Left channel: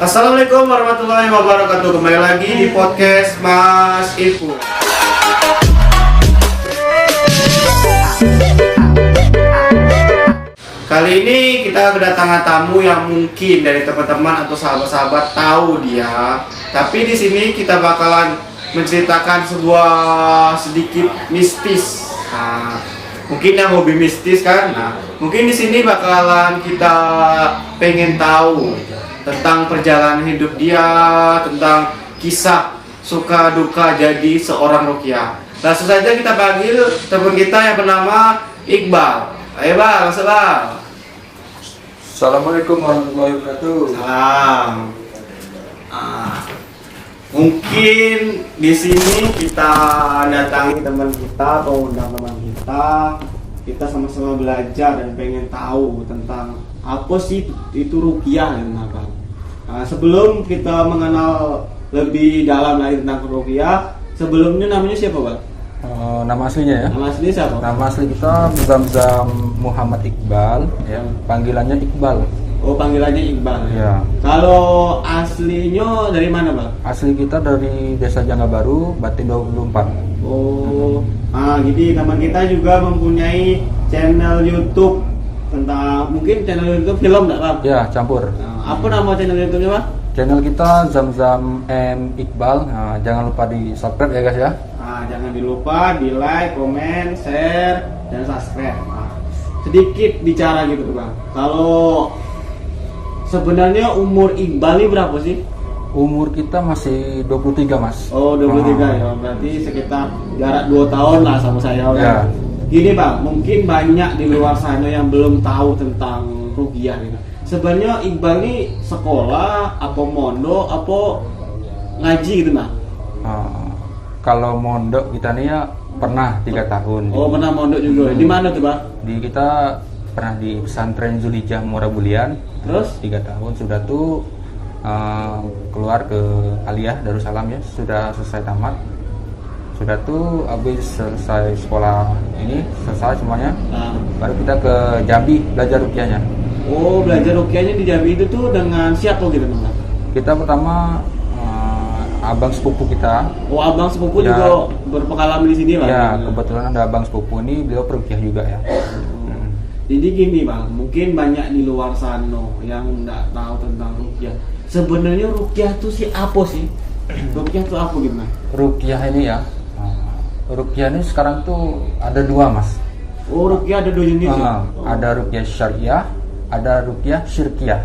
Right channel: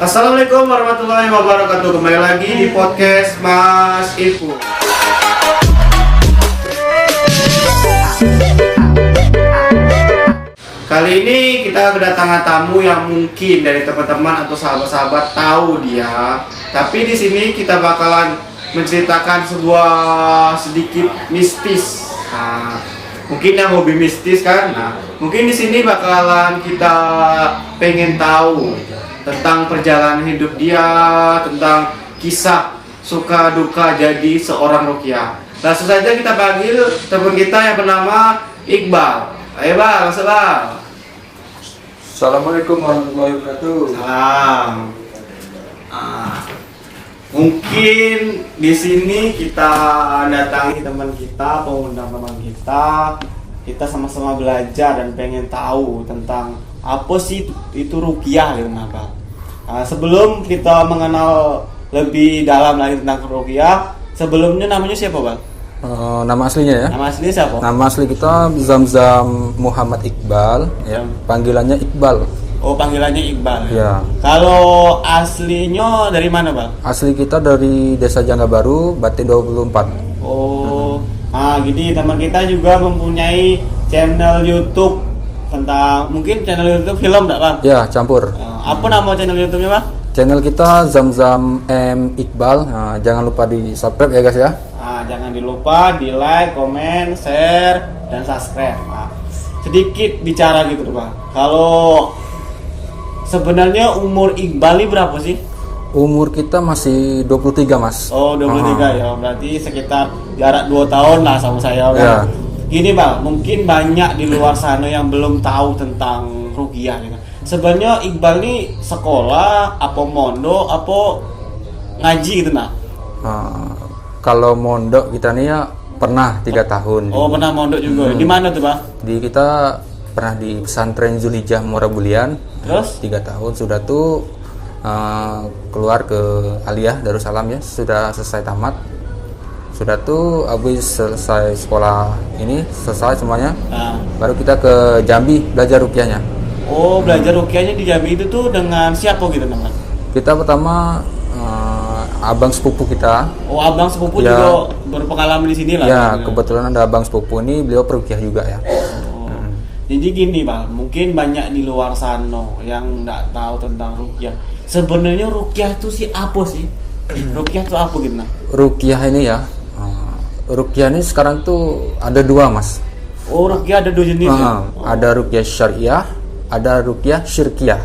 Assalamualaikum warahmatullahi wabarakatuh. Kembali lagi di podcast Mas Ipu. Kali ini kita kedatangan tamu yang mungkin dari teman-teman atau sahabat-sahabat tahu dia. Tapi di sini kita bakalan menceritakan sebuah sedikit mistis. Mungkin yang hobi mistis kan. Mungkin di sini bakalan kita pengen tahu tentang perjalanan hidup dia, tentang kisah suka duka jadi seorang ruqyah. Langsung saja kita panggil teman kita yang bernama Iqbal. Ayo Bang, salam. Assalamualaikum warahmatullahi wabarakatuh. Salam. Mungkin di sini kita datangi teman kita atau undang teman kita sama-sama belajar dan pengen tahu tentang apa sih itu ruqyah gitu apa. Sebelum kita mengenal lebih dalam lagi tentang ruqyah, sebelumnya namanya siapa Bang? Nama aslinya ya? Nama asli siapa? Nama asli kita Zamzam Muhammad Iqbal, ya. Panggilannya Iqbal. Oh, panggilannya Iqbal. Ya. Kalau aslinya dari mana Bang? Asli kita dari Desa Jangga Baru, Batik 24. Oh, jadi teman kita juga mempunyai channel YouTube tentang mungkin channel YouTube film enggak Bang? Ya, campur. Apa nama channel YouTube-nya Bang? Channel kita Zamzam M Iqbal. Jangan lupa di subscribe ya guys ya. Jangan dilupa di like, komen, share, dan subscribe. Sedikit bicara gitu Bang. Kalau sebenarnya umur Iqbal ini berapa sih? Umur kita masih 23 Mas. Oh, 23 ya. Berarti sekitar jarak 2 tahun lah sama saya Bang. Ya. Gini Bang, mungkin banyak di luar sana yang belum tahu tentang ruqyah gitu. Sebenarnya Iqbal ini sekolah, apa mondok, apa ngaji gitu nah? Kalau mondok kita nih ya pernah 3 tahun. Oh, pernah mondok juga. Di mana tuh Bang? Di kita pernah di pesantren Zulhijjah Muara Bulian. Terus 3 tahun sudah tuh keluar ke Aliyah Darussalam ya, sudah selesai tamat. Sudah tuh habis selesai sekolah ini, selesai semuanya. Baru kita ke Jambi belajar ruqyahnya. Oh, belajar ruqyahnya di Jambi itu tuh dengan siapa gitu Bang? Kita pertama abang sepupu kita. Oh, abang sepupu ya, juga berpengalaman di sini lah. Ya, kebetulan ada abang sepupu ini, beliau peruqyah juga ya. Jadi gini Bang, mungkin banyak di luar sana yang nggak tahu tentang ruqyah. Sebenarnya ruqyah itu sih apa sih? Ruqyah itu apa gitu nah? Ruqyah ini ya, ruqyah ini sekarang tuh ada 2 Mas. Oh, ruqyah ada 2 jenis ya? Ada ruqyah syariah, ada ruqyah syirkiyah.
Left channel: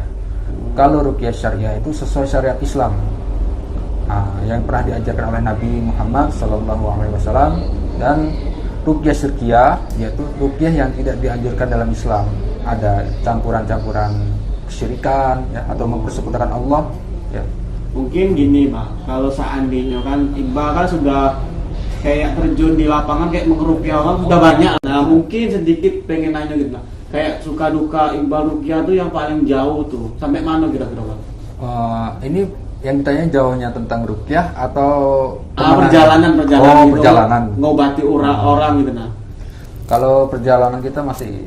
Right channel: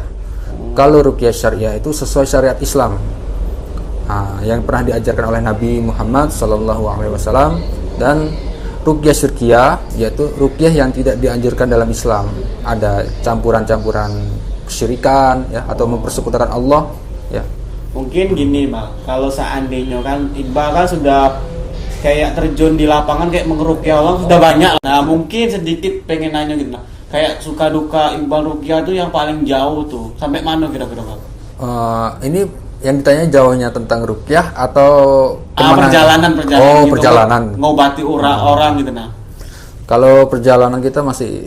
Kalau ruqyah syariah itu sesuai syariat Islam, yang pernah diajarkan oleh Nabi Muhammad SAW. Dan ruqyah syirkiyah yaitu ruqyah yang tidak dianjurkan dalam Islam. Ada campuran-campuran kesyirikan ya, atau mempersekutukan Allah ya. Mungkin gini Bang, kalau seandainya kan Iqbal kan sudah kayak terjun di lapangan kayak mengeruqyah orang sudah banyak. Nah, mungkin sedikit pengen nanya gitu. Kayak suka duka Iqbal ruqyah tuh yang paling jauh tuh sampai mana kira-kira Bang? Ini yang ditanya jauhnya tentang ruqyah atau perjalanan gitu, perjalanan ngobati orang gitu nah. Kalau perjalanan kita masih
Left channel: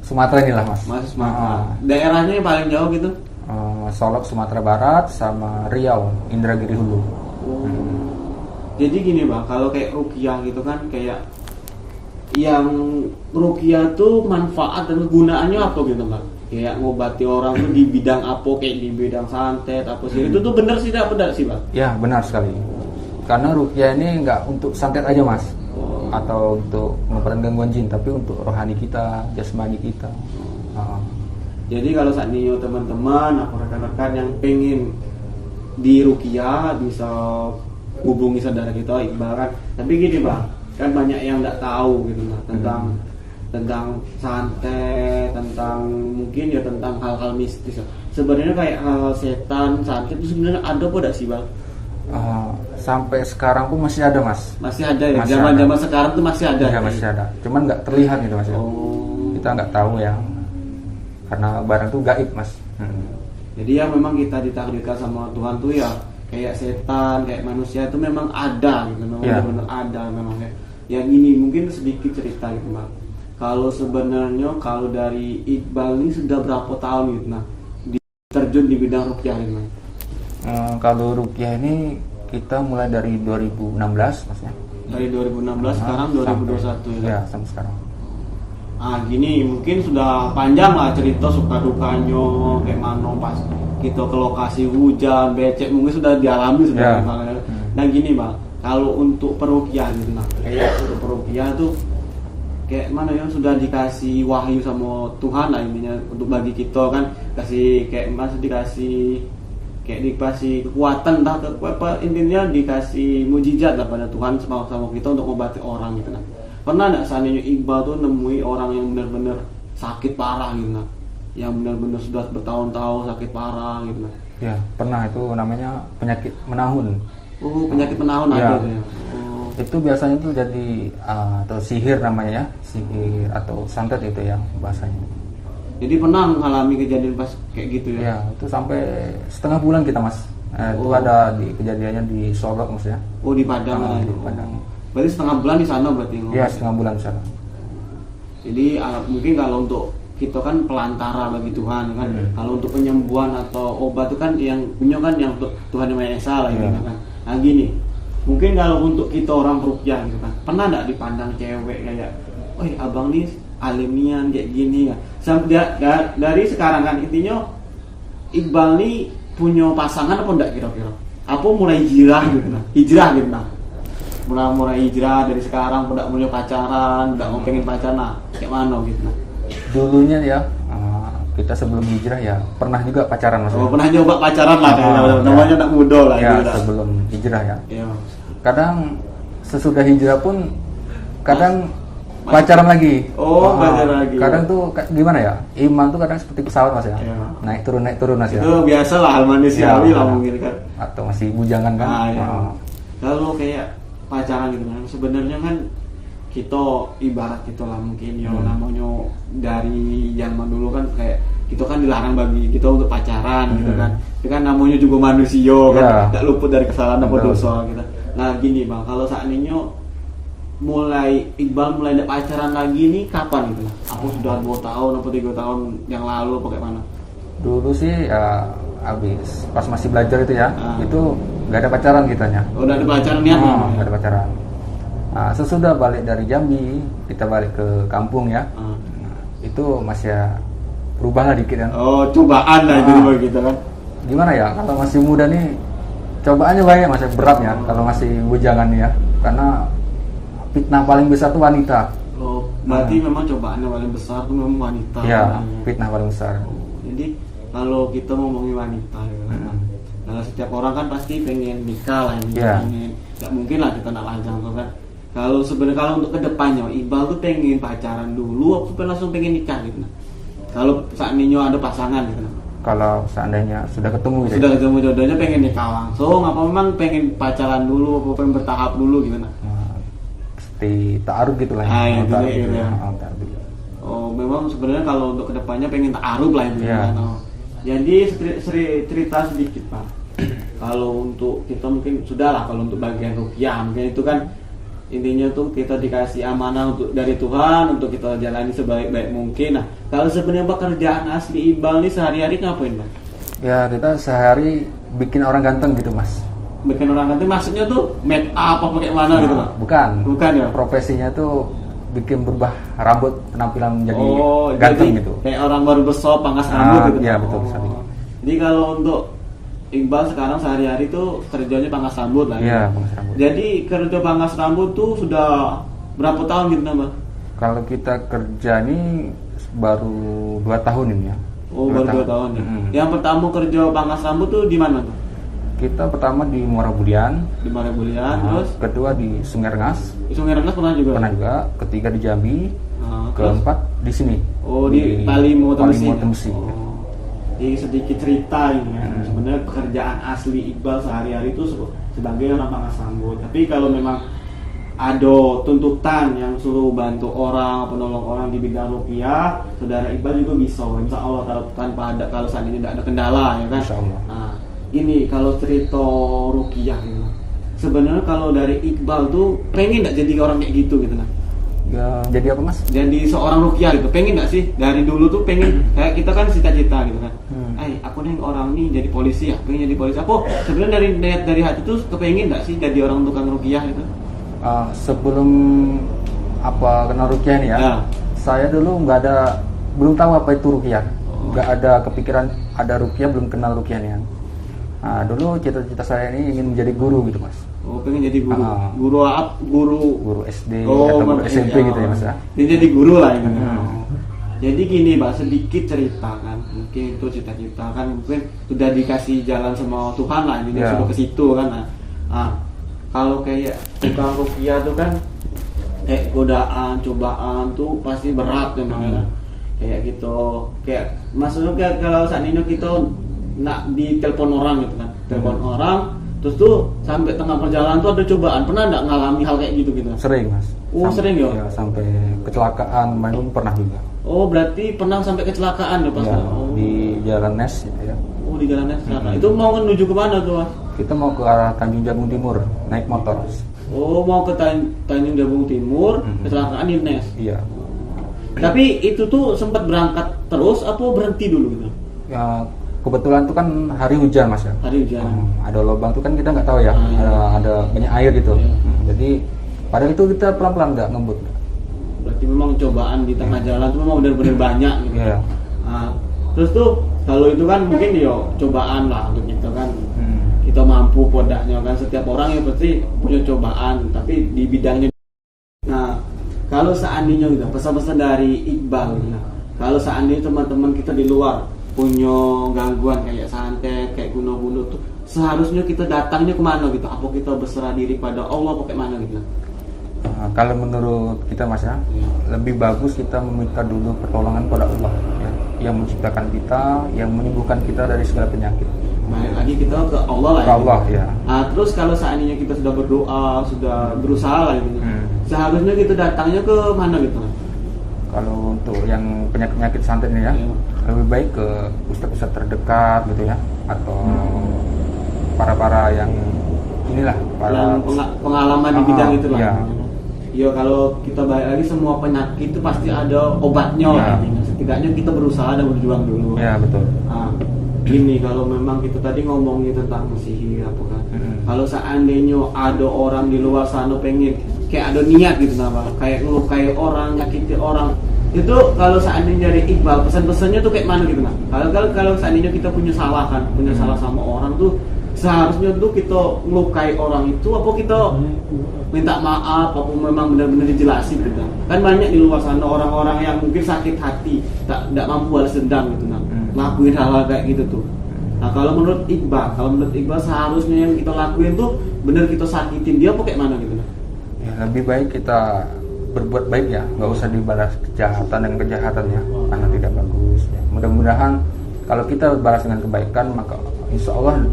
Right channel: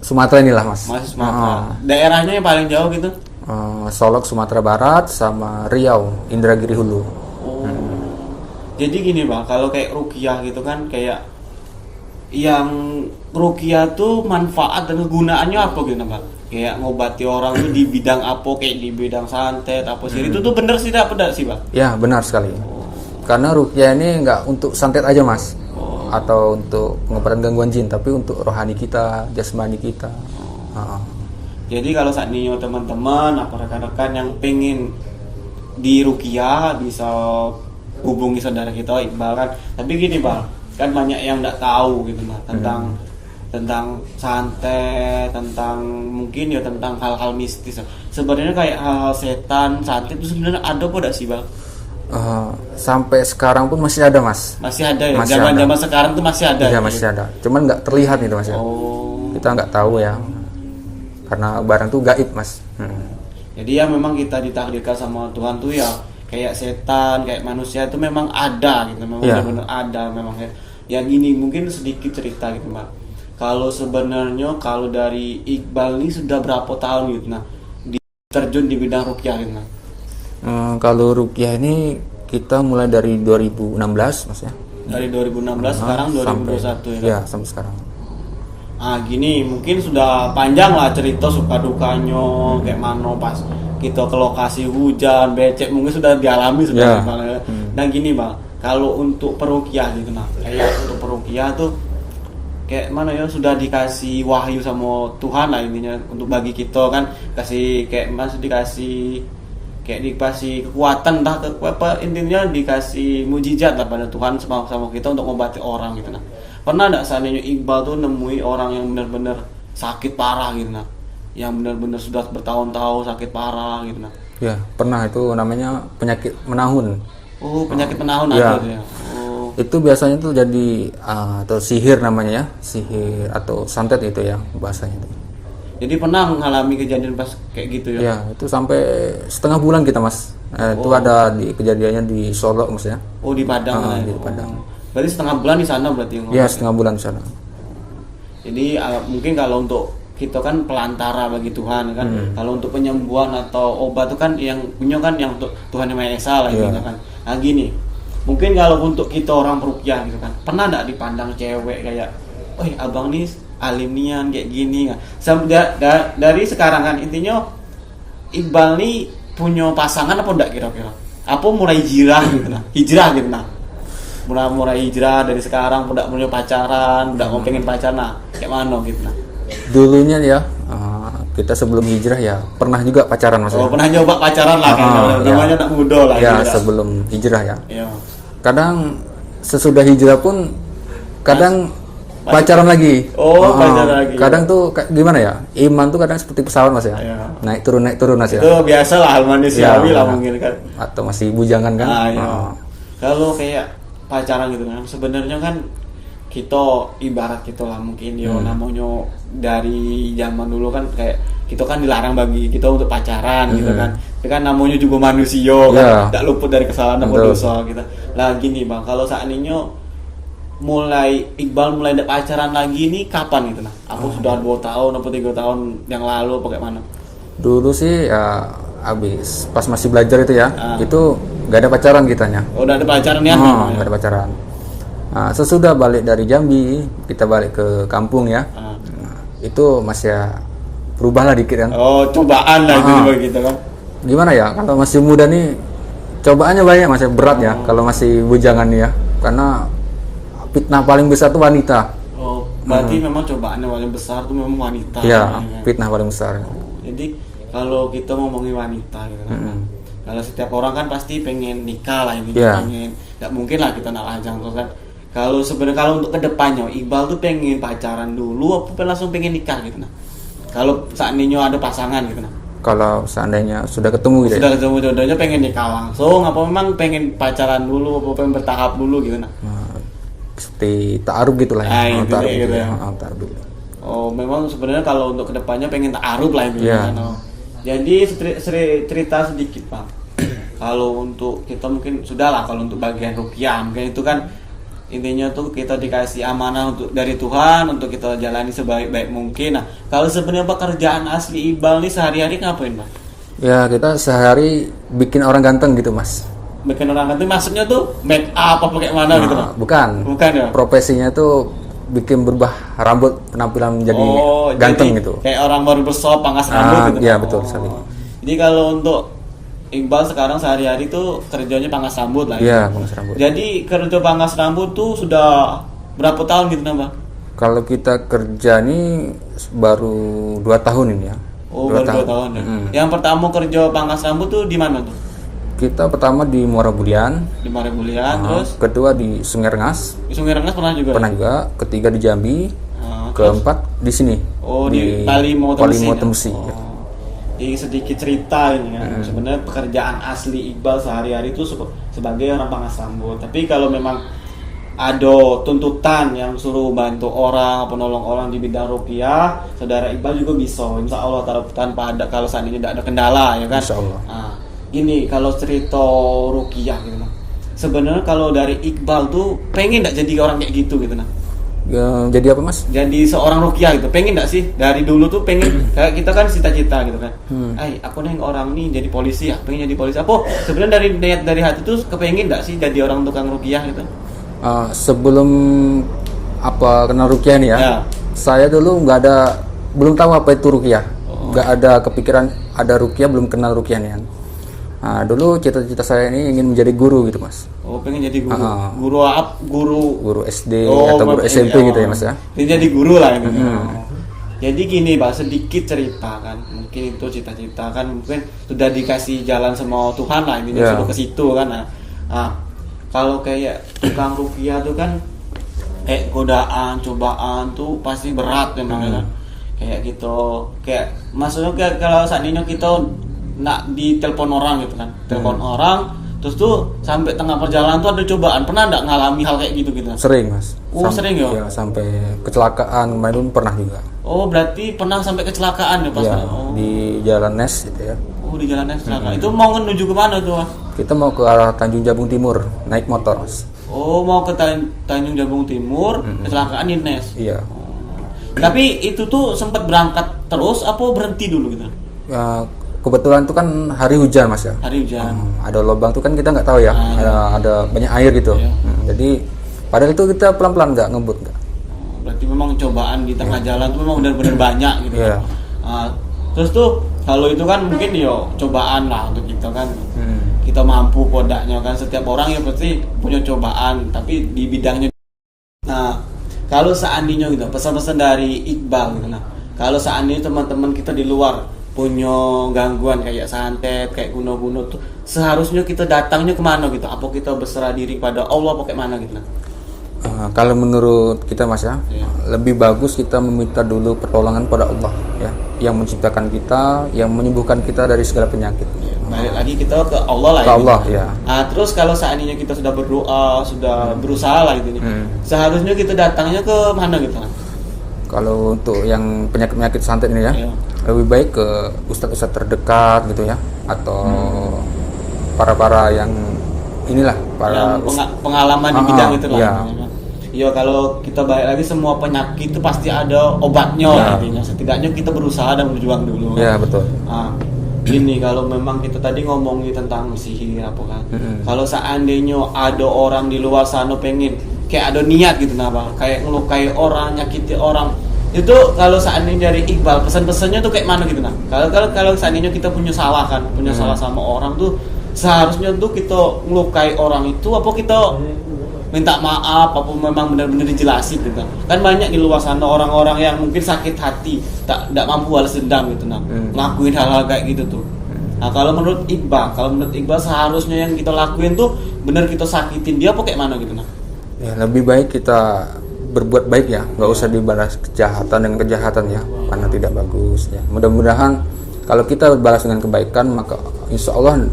Sumatera inilah Mas. Masih Sumatera. Daerahnya yang paling jauh gitu? Solok Sumatera Barat sama Riau Indragiri Hulu. Jadi gini Bang, kalau kayak ruqyah gitu kan kayak yang ruqyah tuh manfaat dan kegunaannya apa gitu Bang? Kayak ngobati orang tuh di bidang apa, kayak di bidang santet apa sih? Itu tuh bener sih tak benar sih Bang? Ya benar sekali. Karena ruqyah ini nggak untuk santet aja Mas, atau untuk pengobatan gangguan jin, tapi untuk rohani kita, jasmani kita. Jadi kalau saat ini teman-teman, apa rekan-rekan yang pengen di ruqyah bisa hubungi saudara kita Iqbal kan. Tapi gini Bang, kan banyak yang nggak tahu gitu Bang tentang santet, tentang mungkin ya tentang hal-hal mistis. Sebenarnya kayak hal setan, santet itu sebenarnya ada apa enggak sih Bang? Sampai sekarang pun masih ada Mas. Masih ada ya? Zaman-zaman sekarang tuh masih ada? Iya masih ada, cuman nggak terlihat itu Mas. Kita nggak tahu ya, karena barang tuh gaib Mas. Jadi ya memang kita ditakdirkan sama Tuhan tuh ya kayak setan, kayak manusia itu memang ada gitu, memang benar-benar ada memang ya. Yang ini mungkin sedikit cerita gitu Bang. Kalau sebenarnya kalau dari Iqbal ini sudah berapa tahun gitu nah terjun di bidang ruqyah gitu nah? Kalau ruqyah ini kita mulai dari 2016 Mas ya. Dari 2016 sekarang 2021 ya. Ya, sampai sekarang. Nah gini, mungkin sudah panjang lah cerita suka dukanya kayak mana pas kita ke lokasi hujan, becek mungkin sudah dialami sudah. Ya. Nah gini bang, kalau untuk peruqyah gitu nah, kayak untuk peruqyah tuh kayak mana ya sudah dikasih wahyu sama Tuhan lah intinya untuk bagi kita kan, kasih kayak masih dikasih kayak dikasih kekuatan entah apa intinya dikasih mujizat lah pada Tuhan sama kita untuk mengobati orang gitu nah. Pernah nggak seandainya Iqbal tuh nemui orang yang benar-benar sakit parah gitu nah, yang benar-benar sudah bertahun-tahun sakit parah gitu nah? Ya, pernah, itu namanya penyakit menahun. Oh, penyakit menahun Ya. ada ya. Oh. Itu biasanya tuh jadi atau sihir namanya ya, sihir atau santet itu ya bahasanya itu. Jadi pernah mengalami kejadian pas kayak gitu ya? Ya, itu sampai setengah bulan kita Mas. Itu ada di kejadiannya di Solo Mas ya. Oh di Padang lah ya? Di Padang. Berarti setengah bulan di sana berarti yang Ya, ngobat? setengah bulan di sana. Jadi mungkin kalau untuk kita kan pelantara bagi Tuhan kan. Kalau untuk penyembuhan atau obat itu kan yang punya kan yang Tuhan yang Maha Esa lah Iya. gitu kan. Nah gini, mungkin kalau untuk kita orang peruqyah gitu kan, pernah nggak dipandang cewek kayak, "Oh, abang nih alim nian kayak gini kan." Dari sekarang kan intinya Iqbal nih punya pasangan apa enggak kira-kira? Apa mulai hijrah gitu nah? Hijrah gitu nah. Mulai hijrah dari sekarang udah mulai pacaran, udah mau pengen pacaran nah, kayak mana gitu nah. Dulunya ya kita sebelum hijrah ya pernah juga pacaran Mas. Oh, Ya. pernah nyoba pacaran lah kayaknya. Ya. Namanya tak muda lah Ya, gitu lah. sebelum hijrah ya. Iya. Kadang sesudah hijrah pun kadang pacaran lagi. Oh, pacaran lagi. Kadang tuh gimana ya? Iman tuh kadang seperti pesawat Mas ya. Iya. Naik turun Mas ya. Itu biasa lah hal manusiawi Iya, lah iya. mungkin kan. Atau masih bujangan kan? Ah, iya. Oh. Kalau kayak pacaran gitu kan, sebenarnya kan kita ibarat kita lah mungkin yo namanya dari zaman dulu kan kayak kita kan dilarang bagi kita untuk pacaran gitu kan. Tapi kan namanya juga manusia kan, Iya. tak luput dari kesalahan atau Betul. dosa gitu. Nah gini bang, kalau seandainya Iqbal mulai ada pacaran lagi nih kapan gitu nah? Aku sudah 2 tahun atau 3 tahun yang lalu apa kayak mana? Dulu sih ya habis pas masih belajar itu ya, Ah. itu gak ada pacaran kitanya. Udah ada pacaran niatnya? Bang, ya? Gak ada pacaran. Nah, sesudah balik dari Jambi, kita balik ke kampung ya. Ah. Itu masih ya berubah lah dikit kan. Oh cobaan lah itu juga gitu kan? Gimana ya, kalau masih muda nih cobaannya banyak, masih berat ya kalau masih bujangan nih ya, karena fitnah paling besar tuh wanita. Oh, berarti memang cobaannya paling besar tuh memang wanita. Iya, ya. fitnah paling besar. Jadi kalau kita ngomongin wanita gitu kan, kalau setiap orang kan pasti pengen nikah lah ini, Iya. pengen, nggak mungkin lah kita nak lajang tuh kan. Kalau sebenarnya kalau untuk kedepannya Iqbal tuh pengen pacaran dulu, apa langsung pengen nikah gitu nah? Kalau seandainya ada pasangan gitu nah, Kalau seandainya sudah ketemu gitu sudah ya. ketemu jodohnya pengen nikah langsung, apa memang pengen pacaran dulu, apa pengen bertahap dulu gitu nah? Seperti ta'aruf gitu lah Ah, ya. intinya Ta'aruf gitu ya. ta'aruf dulu. Oh, memang sebenarnya kalau untuk kedepannya pengen ta'aruf lah itu Iya. kan. Oh. Jadi cerita sedikit Pak. Kalau untuk kita mungkin sudah lah kalau untuk bagian ruqyah mungkin itu kan intinya tuh kita dikasih amanah untuk dari Tuhan untuk kita jalani sebaik-baik mungkin. Nah, kalau sebenarnya pekerjaan asli Iqbal nih sehari-hari ngapain Pak? Ya, kita sehari bikin orang ganteng gitu Mas. Bikin orang ganti maksudnya tuh make up apa kayak mana gitu Pak? Bukan. Bukan ya? Profesinya tuh bikin berubah rambut, penampilan menjadi Oh, ganteng jadi gitu. kayak orang baru bersop pangkas rambut gitu. Iya, Pak? betul Oh. sekali. Jadi kalau untuk Iqbal sekarang sehari-hari tuh kerjanya pangkas rambut lah. Iya, gitu. pangkas rambut. Jadi kerja pangkas rambut tuh sudah berapa tahun gitu nambah? Kalau kita kerja nih baru 2 tahun ini ya. Oh, baru 2 tahun ya. Yang pertama kerja pangkas rambut tuh di mana tuh? Kita pertama di Muara Budian, Di Marebulian, terus kedua di Sungai Rengas, di Sungai Rengas pernah juga. pernah juga, ketiga di Jambi, Nah, terus keempat di sini. oh di Palimo Temesi. Temesi. Ya. Jadi sedikit cerita ini ya. Sebenarnya pekerjaan asli Iqbal sehari-hari itu sebagai orang pangkas rambut. Tapi kalau memang ada tuntutan yang suruh bantu orang atau nolong orang di bidang ruqyah, saudara Iqbal juga bisa. Insya Allah tanpa ada kalau seandainya tidak ada kendala ya kan. Insya Allah. Nah, ini kalau cerita ruqyah gitu. Sebenarnya kalau dari Iqbal tuh pengen nggak jadi orang kayak gitu gitu nah. Jadi apa mas? Jadi seorang ruqyah gitu, pengen nggak sih dari dulu tuh pengen kayak kita kan cita-cita gitu kan, aku nih orang nih jadi polisi ya, pengen jadi polisi. Apa sebenarnya dari niat dari hati tuh kepengen nggak sih jadi orang tukang ruqyah gitu? Sebelum kenal ruqyah nih ya, saya dulu belum tahu apa itu ruqyah, nggak ada kepikiran ada ruqyah, belum kenal ruqyah nih kan. Dulu cita-cita saya ini ingin menjadi guru gitu mas. Pengen jadi guru. Guru SD atau guru SMP gitu ya mas ya. Ini jadi guru lah gitu. Jadi gini Pak, sedikit cerita kan. Mungkin itu cita-cita kan, mungkin sudah dikasih jalan sama Tuhan lah intinya, sudah ke situ kan. Kalau kayak tukang ruqyah tuh kan kayak godaan, cobaan tuh pasti berat memang kan. Kayak gitu. Kayak maksudnya kalau seandainya kita nak ditelepon orang gitu kan, telepon orang terus tuh sampai tengah perjalanan tuh ada cobaan, pernah nggak ngalami hal kayak gitu? Sering mas. Sering ya? Ya sampai kecelakaan kemarin pernah juga. Berarti pernah sampai kecelakaan ya pas di Jalan Nes gitu ya. Di Jalan Nes kecelakaan. Itu mau menuju kemana tuh mas? Kita mau ke arah Tanjung Jabung Timur naik motor mas. Mau ke Tanjung Jabung Timur, kecelakaan di Nes. Iya. Tapi itu tuh sempat berangkat terus apa berhenti dulu gitu? Kebetulan itu kan hari hujan mas ya. Hari hujan. Ada lubang tuh kan kita nggak tahu ya. Ada banyak air gitu. Jadi padahal itu kita pelan-pelan nggak ngebut. Berarti memang cobaan di tengah jalan tuh memang benar-benar banyak gitu. Terus tuh kalau itu kan mungkin cobaan lah untuk kita kan. Kita mampu podaknya kan, setiap orang ya pasti punya cobaan tapi di bidangnya. Nah kalau seandainya gitu pesan-pesan dari Iqbal gitu. Nah kalau seandainya teman-teman kita di luar punya gangguan kayak santet, kayak kuno-kuno tuh seharusnya kita datangnya kemana gitu? Apa kita berserah diri pada Allah apa kayak mana gitu? Kalau menurut kita mas ya, lebih bagus kita meminta dulu pertolongan pada Allah ya, yang menciptakan kita, yang menyembuhkan kita dari segala penyakit. Balik lagi kita ke Allah lah. Ke Allah ya. Terus kalau seandainya kita sudah berdoa, sudah berusaha lah gitu, seharusnya kita datangnya ke mana gitu? Kalau untuk yang penyakit-penyakit santet ini ya, lebih baik ke ustadz-ustadz terdekat gitu ya, atau para yang inilah yang pengalaman di bidang itu lah. Ya kalau kita balik lagi semua penyakit itu pasti ada obatnya lah intinya. Setidaknya kita berusaha dan berjuang dulu. Ya betul. Ini kalau memang kita tadi ngomongin tentang sihir apa kan. Kalau seandainya ada orang di luar sana pengen kayak ada niat gitu kayak ngelukai orang, nyakiti orang. Itu kalau seandainya dari Iqbal pesan-pesannya tuh kayak mana gitu kalau seandainya kita punya salah sama orang tuh seharusnya tuh kita ngelukai orang itu apa kita minta maaf apa memang benar-benar dijelasin gitu kan banyak di luar sana orang-orang yang mungkin sakit hati tidak mampu balas dendam gitu ngelakuin hal-hal kayak gitu tuh. Nah kalau menurut Iqbal seharusnya yang kita lakuin tuh benar kita sakitin dia apa kayak mana gitu ya lebih baik kita berbuat baik ya, nggak usah dibalas kejahatan dengan kejahatan ya, karena tidak bagus ya. Mudah-mudahan kalau kita balas dengan kebaikan maka insya Allah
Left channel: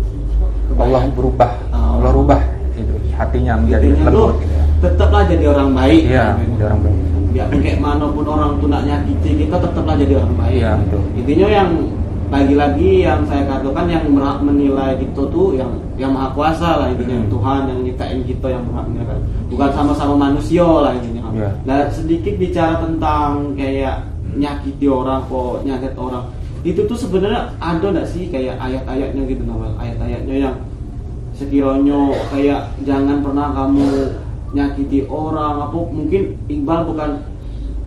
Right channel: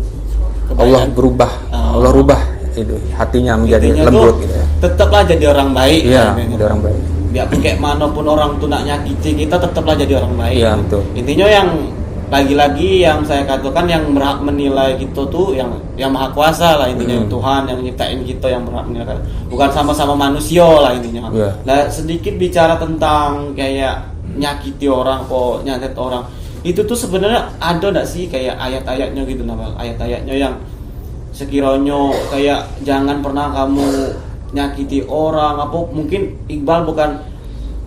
Allah berubah, Allah rubah itu hatinya menjadi lembut gitu ya. Tetaplah jadi orang baik. Iya, jadi orang baik. Biarpun kayak manapun orang tuh nak nyakiti kita tetaplah jadi orang baik. Iya, betul. Intinya yang lagi-lagi yang saya katakan yang berhak menilai kita tuh yang maha kuasa lah intinya Tuhan yang nyiptain kita yang berhak menilai, bukan sama-sama manusia lah intinya. Nah sedikit bicara tentang kayak nyakiti orang kok nyantet orang itu tuh sebenarnya ada nggak sih kayak ayat-ayatnya gitu ayat-ayatnya yang sekiranya kayak jangan pernah kamu nyakiti orang apa mungkin Iqbal bukan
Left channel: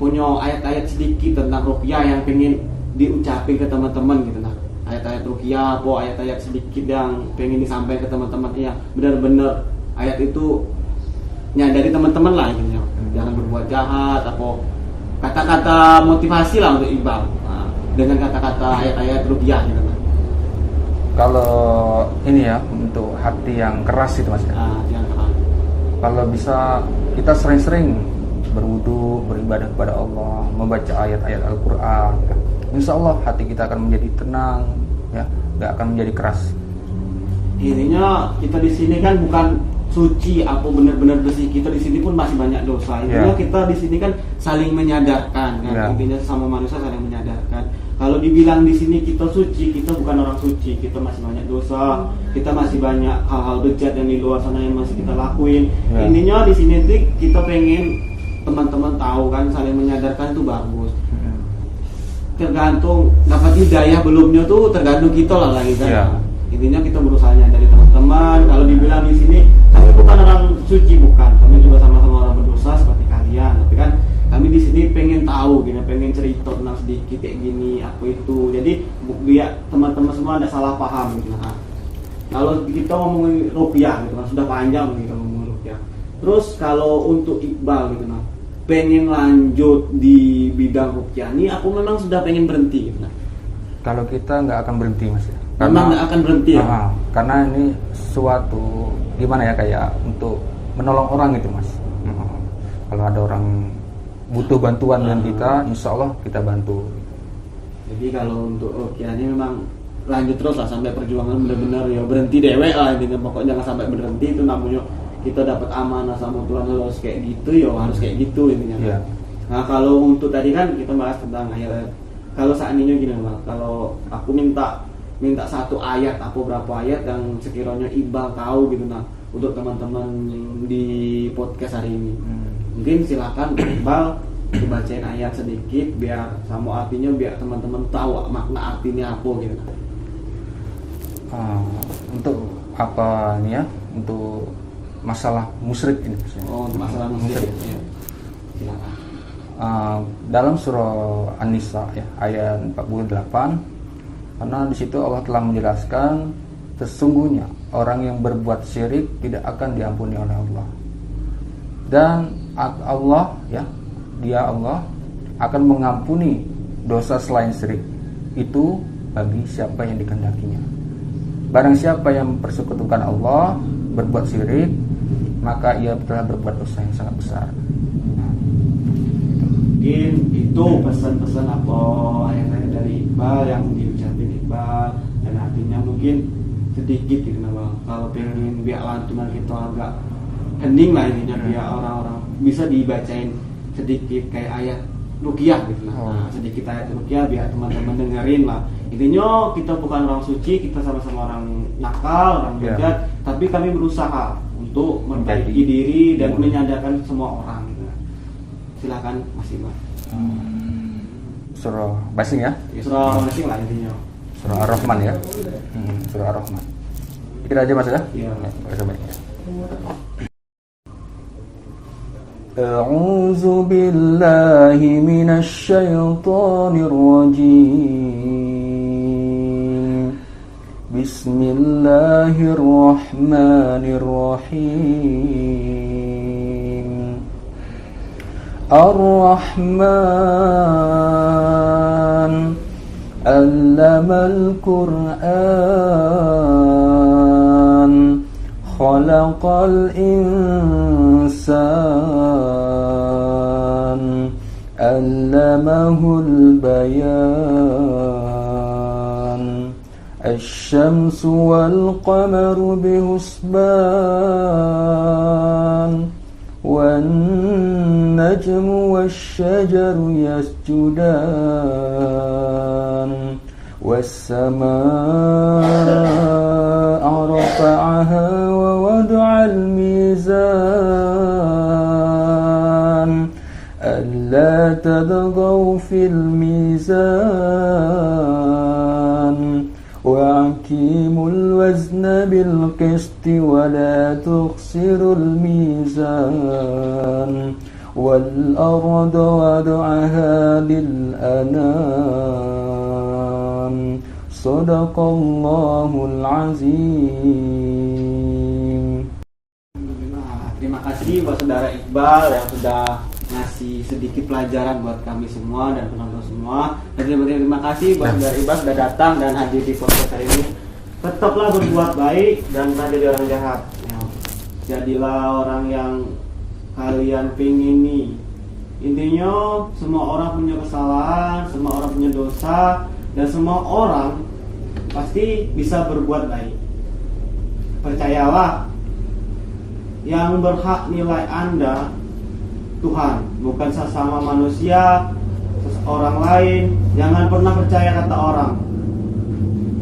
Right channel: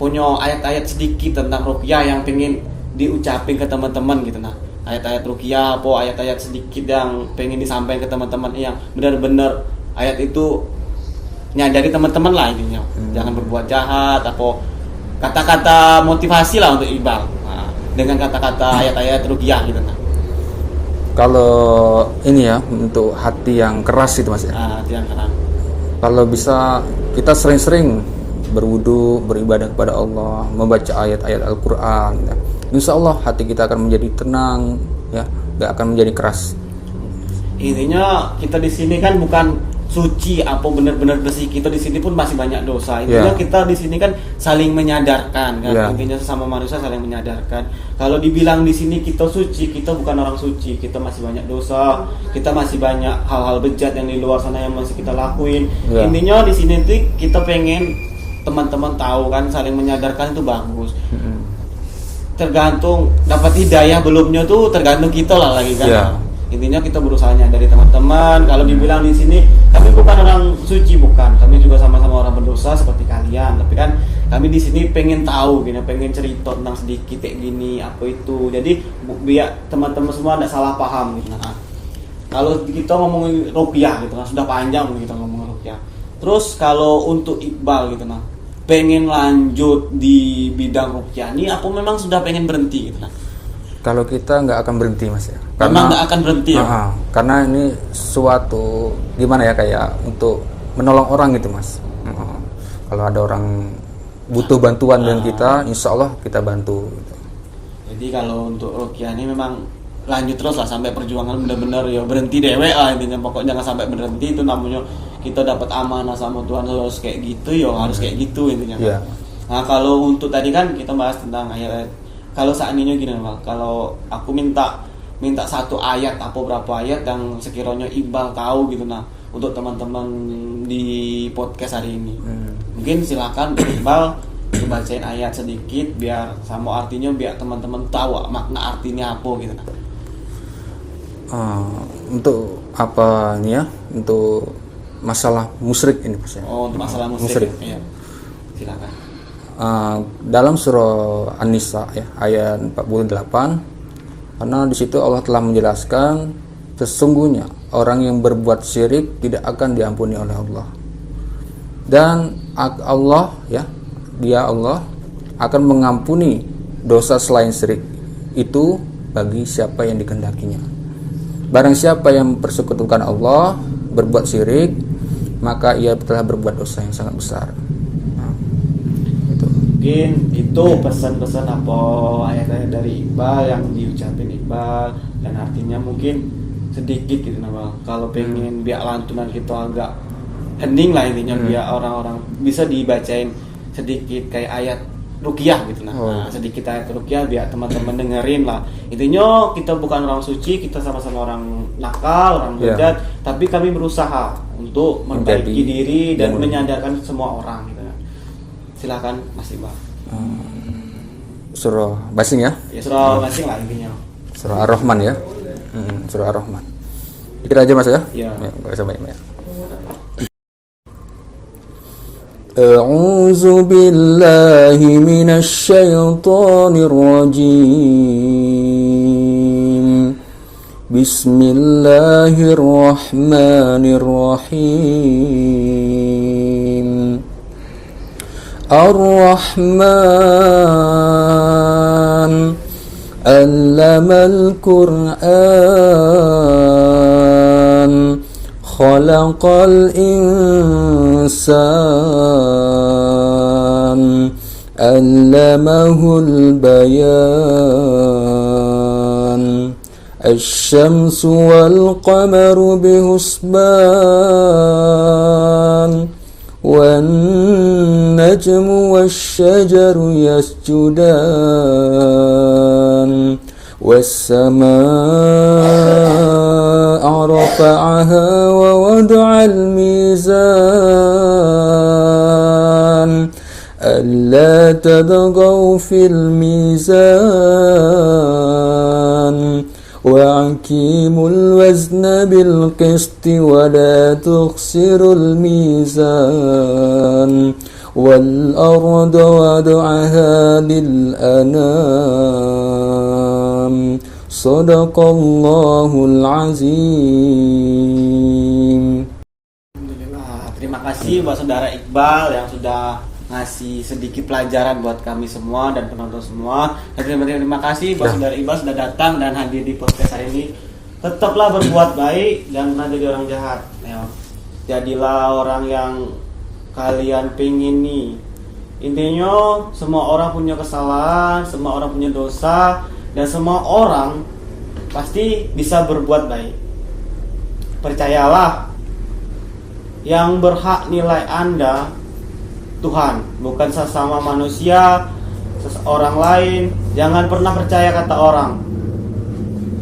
punya ayat-ayat sedikit tentang ruqyah yang pengen diucapin ke teman-teman gitu ayat-ayat ruqyah apa ayat-ayat sedikit yang pengen disampaikan ke teman-teman yang benar-benar ayat itu nyadari teman-teman lah intinya jangan berbuat jahat apa kata-kata motivasi lah untuk Iqbal dengan kata-kata ayat-ayat ruqyah gitu Kalau ini ya untuk hati yang keras itu mas ya. Hati yang keras. Kalau bisa kita sering-sering berwudu, beribadah kepada Allah, membaca ayat-ayat Al-Quran ya. Insya Allah hati kita akan menjadi tenang ya, nggak akan menjadi keras. Intinya kita di sini kan bukan suci apa benar-benar bersih, kita di sini pun masih banyak dosa. Intinya kita di sini kan saling menyadarkan kan. Intinya sesama manusia saling menyadarkan. Kalau dibilang di sini kita suci, kita bukan orang suci, kita masih banyak dosa, kita masih banyak hal-hal bejat yang di luar sana yang masih kita lakuin. Intinya di sini tuh kita pengen teman-teman tahu kan, saling menyadarkan itu bagus. Tergantung dapat hidayah belumnya tuh tergantung kita lah lagi kan. Yeah. Intinya kita berusahanya dari teman-teman. Kalau dibilang di sini kami bukan orang suci, bukan, kami juga sama-sama orang berdosa seperti kalian, tapi kan kami di sini pengen tahu gini, pengen cerita tentang sedikit kayak gini apa itu, jadi biar teman-teman semua tidak salah paham gitu. Nah, kalau kita ngomongin rupiah gitu kan sudah panjang kita ngomongin rupiah. Terus kalau untuk Iqbal gitu nah, pengen lanjut di bidang rupiah ini, aku memang sudah pengen berhenti gitu nah. Kalau kita nggak akan berhenti mas ya. Memang nggak akan berhenti ya. Karena ini suatu gimana ya, kayak untuk menolong orang gitu mas. Kalau ada orang butuh bantuan dengan kita, insya Allah kita bantu. Gitu. Jadi kalau untuk rukiah ini memang lanjut terus lah sampai perjuangan benar-benar ya berhenti dewe intinya, pokoknya jangan sampai berhenti. Itu namanya kita dapat amanah sama Tuhan harus kayak gitu ya, harus kayak gitu intinya kan. Yeah. Nah kalau untuk tadi kan kita bahas tentang ayat. Kalau seandainya gini mal, kalau aku minta satu ayat apa berapa ayat yang sekiranya Iqbal tahu gitu nah untuk teman-teman di podcast hari ini. Mungkin silakan Iqbal bacain ayat sedikit biar sama artinya biar teman-teman tahu makna artinya apa gitu nah. Untuk apa nih ya? Untuk masalah musyrik ini maksudnya. Oh, untuk masalah musyrik. Ya. Silakan. Dalam surah An-Nisa ya, ayat 48, karena di situ Allah telah menjelaskan sesungguhnya orang yang berbuat syirik tidak akan diampuni oleh Allah. Dan Allah ya, Dia Allah akan mengampuni dosa selain syirik itu bagi siapa yang dikehendakinya. Barang siapa yang mempersekutukan Allah, berbuat syirik, maka ia telah berbuat dosa yang sangat besar. Mungkin itu pesan-pesan apa ayat-ayat dari Iqbal yang diucapin Iqbal, dan artinya mungkin sedikit gitu nah. Kalau pengen biar lantunan kita agak hening lah intinya, biar orang-orang bisa dibacain sedikit kayak ayat ruqyah gitu nah. Sedikit ayat ruqyah biar teman-teman dengerin lah. Intinya kita bukan orang suci, kita sama-sama orang nakal, orang bejat, tapi kami berusaha untuk memperbaiki diri dan menyadarkan semua orang gitu. Silakan Mas Iqbal. Surah Basing ya? Ya surah masing lah intinya. Surah Ar-Rahman ya? Surah Ar-Rahman. Dikit aja mas ya? Iya. Gak usah banyak-banyak. A'udzu billahi minasy syaithanir rajim. Bismillahirrahmanirrahim. Ar-Rahman Allamal Qur'an Khalaqal Insan Allamahul Bayan Asy-syamsu wal qamaru bihusban والنجم والشجر يسجدان والسماء رفعها ووضع الميزان ألا تطغوا في الميزان وأقيموا الوزن بالقسط ولا تخسروا الميزان والأرض وضعها للأنام صدق الله العظيم. Terima kasih buat saudara Iqbal yang sudah ngasih sedikit pelajaran buat kami semua dan penonton semua. Dan terima kasih buat saudara Iqbal sudah datang dan hadir di podcast hari ini. Tetaplah berbuat baik dan jangan jadi orang jahat. Ya. Jadilah orang yang kalian pingin nih. Intinya semua orang punya kesalahan, semua orang punya dosa, dan semua orang pasti bisa berbuat baik. Percayalah, yang berhak nilai Anda Tuhan, bukan sesama manusia, seseorang lain. Jangan pernah percaya kata orang.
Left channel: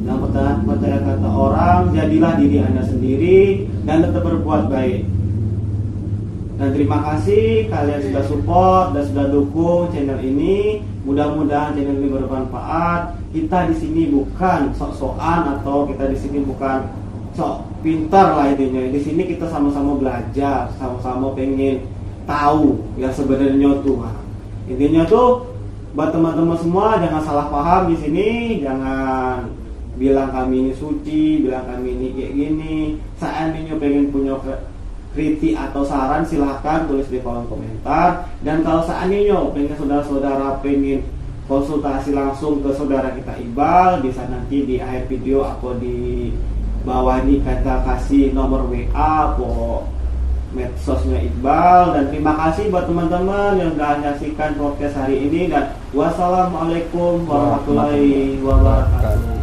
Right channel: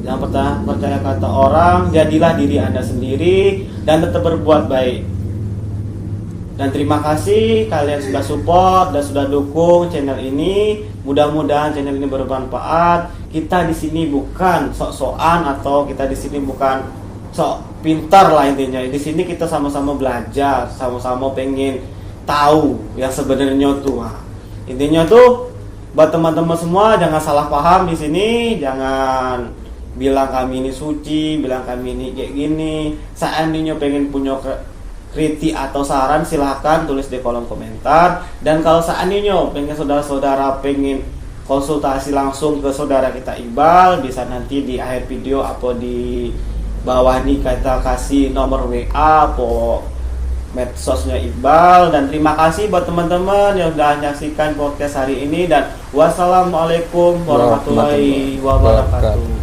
Jangan pernah percaya kata orang. Jadilah diri Anda sendiri dan tetap berbuat baik. Dan terima kasih kalian sudah support dan sudah dukung channel ini. Mudah-mudahan channel ini bermanfaat. Kita di sini bukan sok-sokan atau kita di sini bukan sok pintar lah intinya. Di sini kita sama-sama belajar, sama-sama pengen tahu yang sebenarnya tuh. Intinya tuh buat teman-teman semua jangan salah paham di sini, jangan bilang kami ini suci, bilang kami ini kayak gini. Seandainya pengen punya kritik atau saran silahkan tulis di kolom komentar. Dan kalau seandainya pengen saudara-saudara pengen konsultasi langsung ke saudara kita Iqbal, bisa nanti di akhir video atau di bawah ini kita kasih nomor WA atau medsosnya Iqbal. Dan terima kasih buat teman-teman yang sudah menyaksikan podcast hari ini, dan wassalamualaikum warahmatullahi wabarakatuh.